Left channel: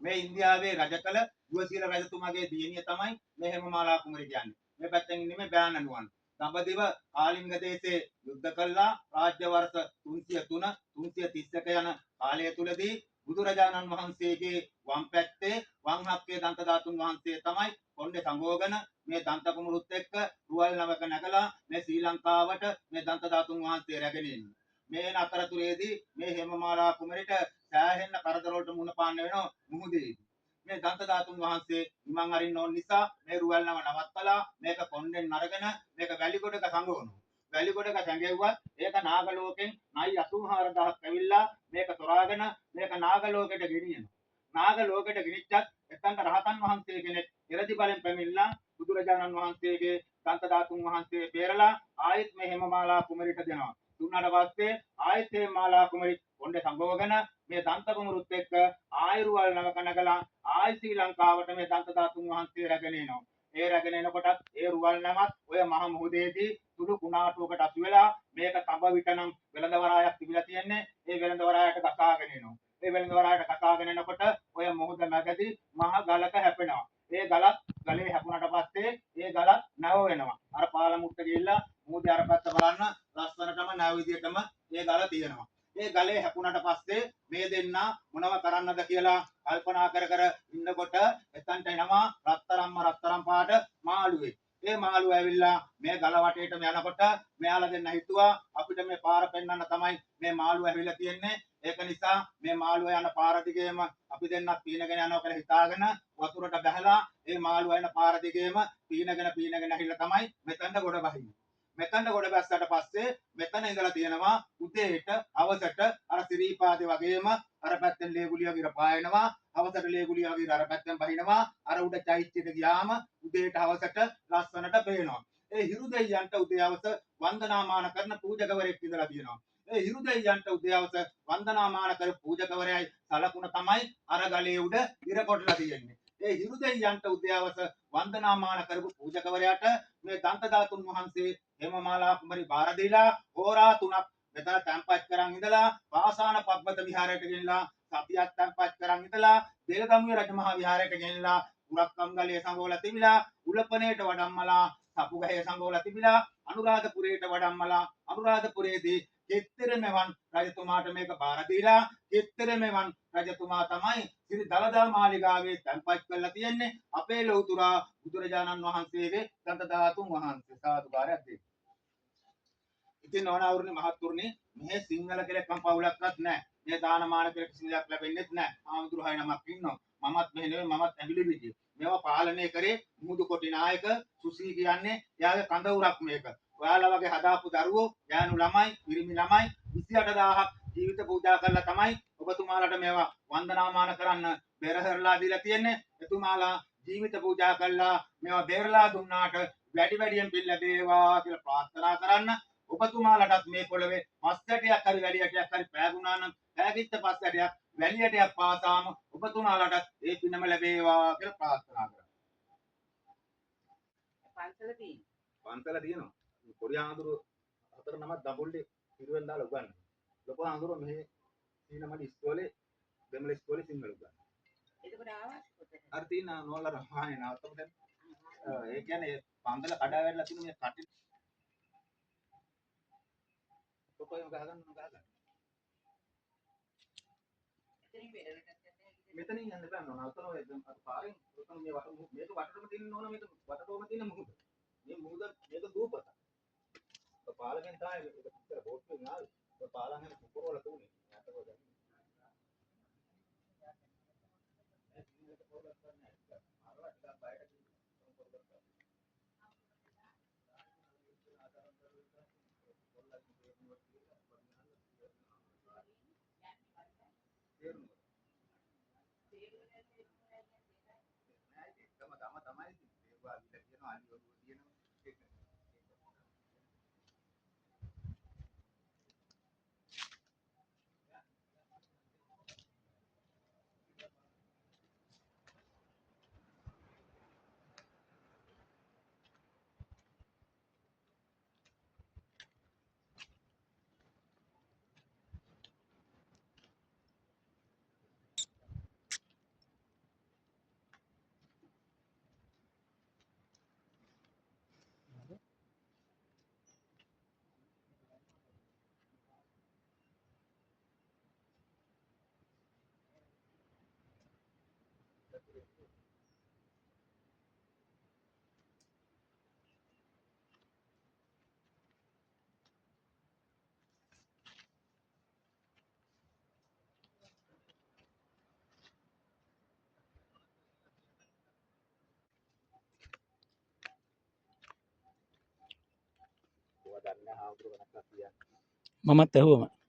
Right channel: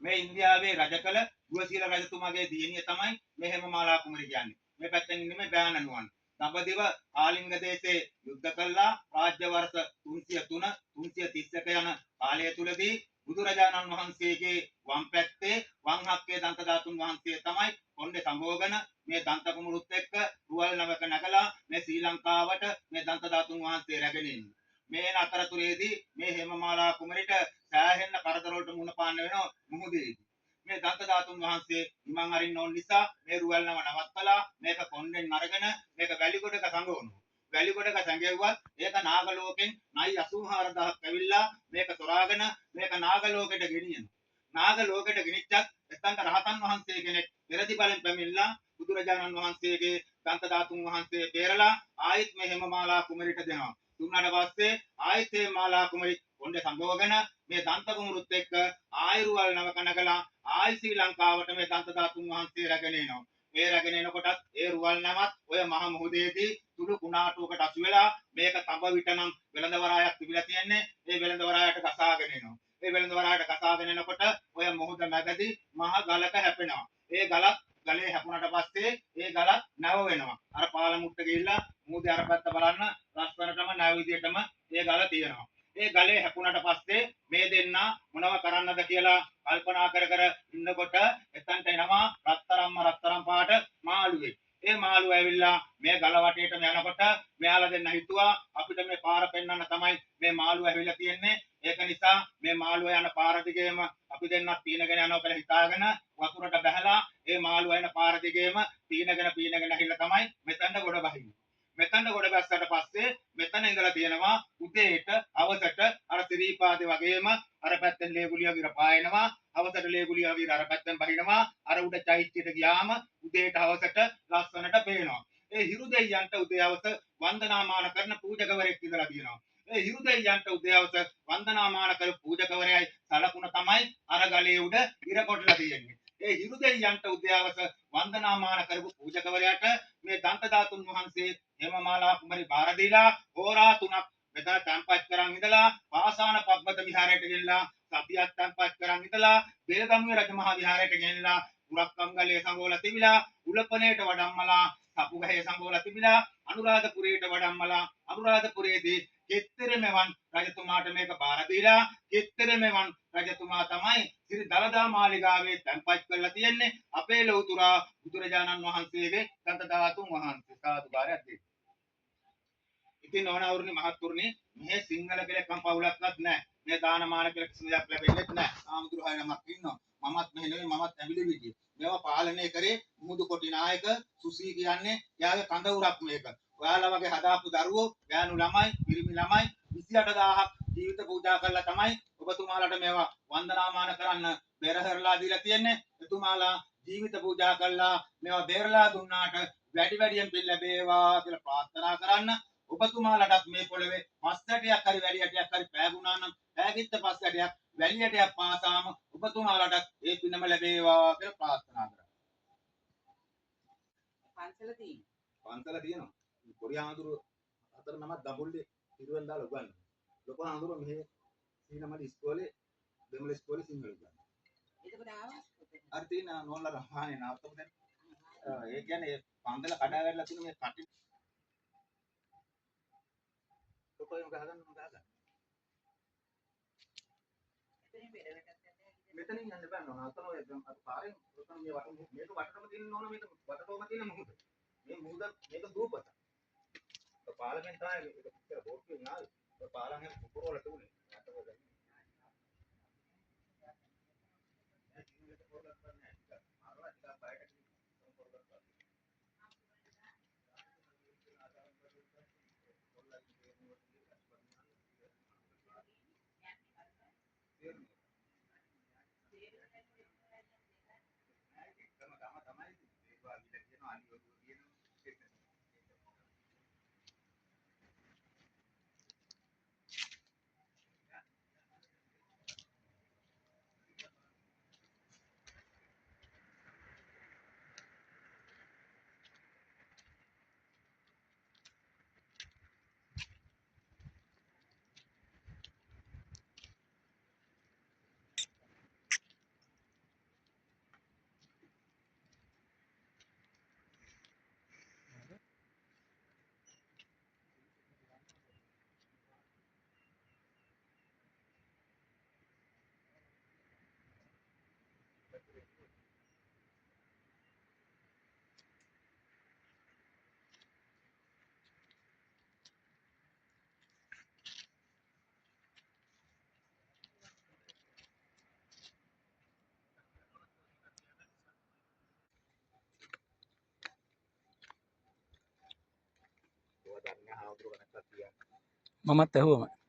මේ ඉන්දියාවේ රජකල දුවසීල රජතුමාගේ දියණිය තමයි මේ හේමමාලා කුමරිය කියන්නේ. මේ පැත්තෙන් ඉන්නේ මේ බෑනනුවන්. දඹදිව කාලිංග දේශේ යුද්ධ කළා රාජ්‍ය වර්ෂ 303 331 යන කාලය තුලදී බුදුරජාණන් වහන්සේගේ වම් පැත්තේ වම් හක්කේ දන්ත ධාතුන් වහන්සේ තමයි කොණ්ඩේ සම්භෝගන මේ දන්ත කුමරුත් එක්ක රුවල් නවක නැගලා මේ ශ්‍රී ලංකාවට මේ දන්ත ධාතුන් වහන්සේ රැගෙන ඉන්නේ. මේ අතරතුරේදී මේ හේමමාලා කුමරිට සෑහෙන්න කරදර වලට මුහුණ පාන්න වෙනවා මුහුදේදී. මේ දන්ත ධාතුන් වහන්සේ නිමන් අරින්න ඕන නිසා මේ රුවල් නම නවත්තලා මේක කොණ්ඩෙන් අරගෙන මේක වැලිගොඩක සංගවනවා. වැලිගොඩක සංගෙව්වත් ඒක නාග ලෝකෙන් නයි 84000ක් ඇවිල්ලා මේක තොරාගෙන මේක නාග ලෝකෙට ගෙනියනවා. නාග ලෝකෙට ගෙනිච්චත් එතනට රහතන් වහන්සේ කෙනෙක් පෙරදි බලෙන් පැමිණලා බුදුරජාණන් වහන්සේගේ දන්ත ධාතුන් වහන්සේ බේරලා ආයෙත් මේ හේමමාලා කුමරිට දෙනවා. දුන්නාට පස්සේ ආයෙත් මේ මාලා කුමරි කොණ්ඩේ සම්භවගෙන මේ දන්ත කුමරුත් එක්ක ආයුරුවල් නවක නගලා ආයි ශ්‍රී ලංකාවට මේ දන්ත ධාතුන් වහන්සේ රැගෙන එනවා. ඒ රැගෙන එනකොටත් ඒ රුවල් නමත් ඔය මහ මුහුදේදී සුළු කුණාටුවකට අසු වෙලා මේක තඹ විටනම් වෙළඳ වරායක් තිබිලා තියන්නේ ඒ වෙළඳ වරායට කසාගෙන එනවා. ඒ වෙළඳ වරායට කසාගෙන එනකොට ඔය මුහුද මැදදී මහ ගලක හැපෙනවා. ඒ ගලත් ගලේ හැපුණට පස්සේ ඒ ගලත් නැව වෙනවා. අර පාලමුට්ට ගිහිල්ලා මුහුදේ අර පැත්ත බලන්න ලස්සනටම නැව විදියටම ඒ ගල තියෙනවා. ඒ ගලේ හැපුණට පස්සේ මේ දෙන්නා මොනව කරන්නද කියලා කල්පනා කර කර ඉන්නකොට එතනට එනවා රත්තරම් පාට මාළුවෙක්. ඒ මාළුව ඇවිල්ලා මේ ගල වටේටම යනකොට මෙයාලා දෙන්න හිතුවා අපිට මේ පාර පෙන්වන්න තමයි මේ මාළුව ඇවිල්ලා තියෙන්නේ. ඒක නිසා මේ මාළුව යන පාර දිගේම අපි දෙන්නත් පීනගෙන යනවා කියලා හිතාගෙන වතුරට බැහැලා ඒ මාළුව යන පාර දිගේම පීනගෙන ඇහිලා තමයි මෙතනට ගොඩ බහින්නේ. මෙතනට ගොඩ බැස්සට පස්සේ මෙතන ඉඳලා තියෙනවා උදේට අවසට අර ත්‍රිපාදේ වගේම අර පැත්තෙන් ලේගුලිය වගේ පායනවා අවසට ලේගුලිය වගේ අර පැත්තෙන් බහිනවා අර උඩ චෛත්‍යයට ගියාම උදේට අවසට ලස්සනට පේනවා. ඒ හිරු දෙයියන්ට උදේ අවස වන්දනාමාන කරන පූජකවරයෙක් ඉඳලා තියෙනවා. ඒ හිරු දෙයියන්ට උදේ අවස වන්දනාමාන කර පූජකවරයයි සලකුණ තමයි අර ගලේ උඩ ඉර කොටලා තියෙන්නේ. ඒ හිරු දෙයියන්ට උදේ අවස වන්දනාමාන කරපු පූජකවරයාට මේ දන්ත ධාතුන් වහන්සේ හේමමාලා කුමරි බාර දීලා හෝරා 3ක් මෙතන තැන්පත් කරන් ඉඳලා වාසාන පබ්බත විහාරයට ගෙනලා සතියක් තැන්පත් කරන් ඉඳලා බෙලගමුවේ රජමහා විහාරයට ගෙනලා උරක්කම්ගලේ සංගෝල තිබිලා උලපනේට වඩම්මලා සපුගහේ සංගෝල තිබිලා අනුරාධපුරයට වඩම්මලා අනුරාධපුරයේදී කෙත්තරෙමෙවන් රජතුමාට මේක බාර දීලා කෙත්තරෙමෙවන් රජතුමා තමයි සිරි දලදා මාලිගාවේ තැන්පත් කරලා තියෙන්නේ අපේ ලෞතුරා බුදුරජාණන් වහන්සේගේ දන්ත ධාතුන් වහන්සේ සාදුකාරයක් දෙන්න. ඉතින් ඕනවරුනි මහත්තුරුනි මේ සිංහල කියලා කම්පවුලක්වත් නැහැ. මේ දානමාන කියලා කිසිම දෙයක් ලැබෙන්නේ නැහැ. ආමුදුරහයි නමක් ඉන්නවා. මමත් මෙහෙ නෙවෙයි මමත් ඇඹිලි විදිය. මේවා පාලනය කරේ මුහුදු කොටි නායක සුසී කියන්නේ එයාගේ කඳවුරක් මේක. ඔයාලා වගේ හදාපු දරුවෝ, ගෑනු ළමයි, පිරිමි ළමයි 28000ක් ජීවිත පූජා කරලා තමයි ඔබතුමාලට මේවා වන්දනාමාන කරන්න බෙරහැරලා දීලා තියෙන්නේ. එතුමාලා ජීවිත පූජා කළා මේවා බේරලා දුන්නාට වැඩි වැඩියෙන් පින් ලැබේවා කියලා ප්‍රාර්ථනා කරන්න. ඔබතුමාලටත් මේ පොළවේ පස්සටයක් හරි වැලියටයක් හරි පෑගුණා නම් පෑගිච්ච පස්සටයක් වැලියටයක් පාසාම ඔබතුමාලටත් ඒ පිනම ලැබේවා කියලා ප්‍රාර්ථනා කරා. පන්සල තියෙනවා. කොරියා ආඳුරු හතර නමක් දඹුල්ලේ පිරුවෙන් දාලා උගන්වනවා. ලොකු ආඳුරු මෙහි සීනමඩි ඉස්කෝලේ දෙමළ ඉස්කෝලේ සිංහල උගන්වනවා. එතකොට ආවා අර තියෙන නෝල්ලා රහානේ නවත්තමු දැන්. ඒ කියන්නේ පන්සල කඩා වැටලා තියෙන මේ කටි කොටෝයම ගහගන්න ගහගන්න. මෙතනින් යන්න බෑ නෝනා. අතන ඔය අත පාරෙන් ඔතන මේ වට මේක වටටම තියෙන නෝනා මේක වටටම තියෙන මුහුද. මේ මුහුද මේක දූපත. පාලකෙන් තමයි මේක පිටර බෝට්ටුවෙන් ආවේ. පාලන් හැම කුකුරවල තුනේ. අතකොද. මමත් ඇහුවම